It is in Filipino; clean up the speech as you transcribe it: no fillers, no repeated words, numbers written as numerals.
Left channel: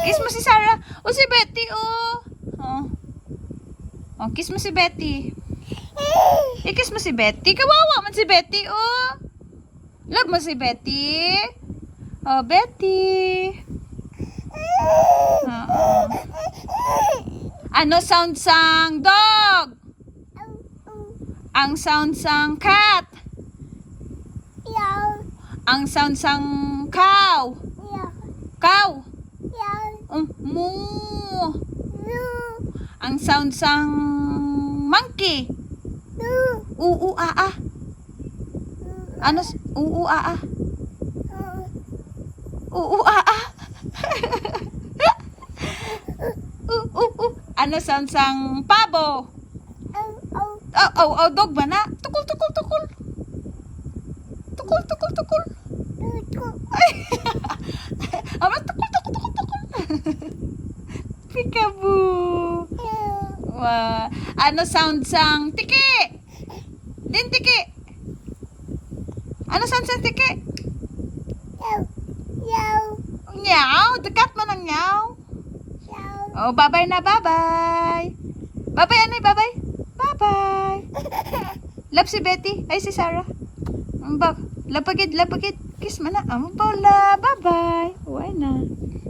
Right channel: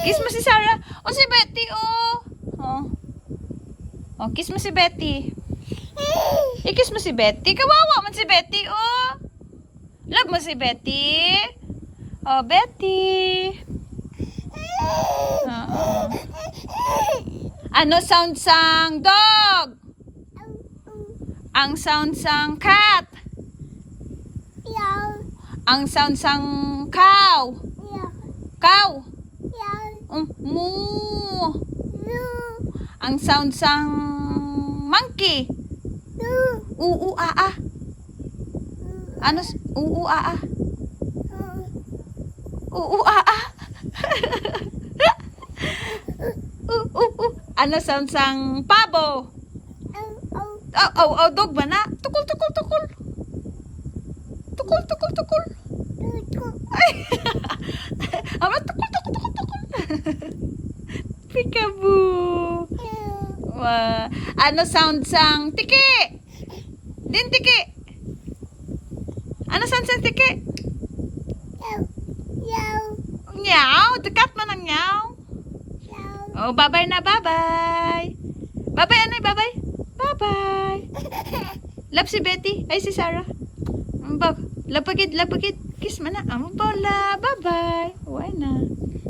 Kiss mo si Sarah. O si Betty, oh. Oh. Oh, kiss mo si Betty. I-kiss mo si Betty. Kawawa man si Betty, oh. Love mo si Betty. Oh, Betty. Ano sound sang dog? Ang sound sang cat. Ang sound sang cow. Cow. Moo. Ang sound sang monkey. Aa. Ano? Aa. Aa. Ano sound sang pabo? Dog ba na? Tukol. Tukol. Ay. Ama, tukol. Peekaboo. Wow. Ano sound sang tiki? Din tiki. Ano sound sang tiki? Meow. Dekat man ang meow. Oh, bye-bye na, bye-bye. Bye-bye, ano, bye-bye? Bye-bye. Love si Betty. Ay, si Sarah. Lapagid. Kiss mo na. Bye-bye. Uwi na.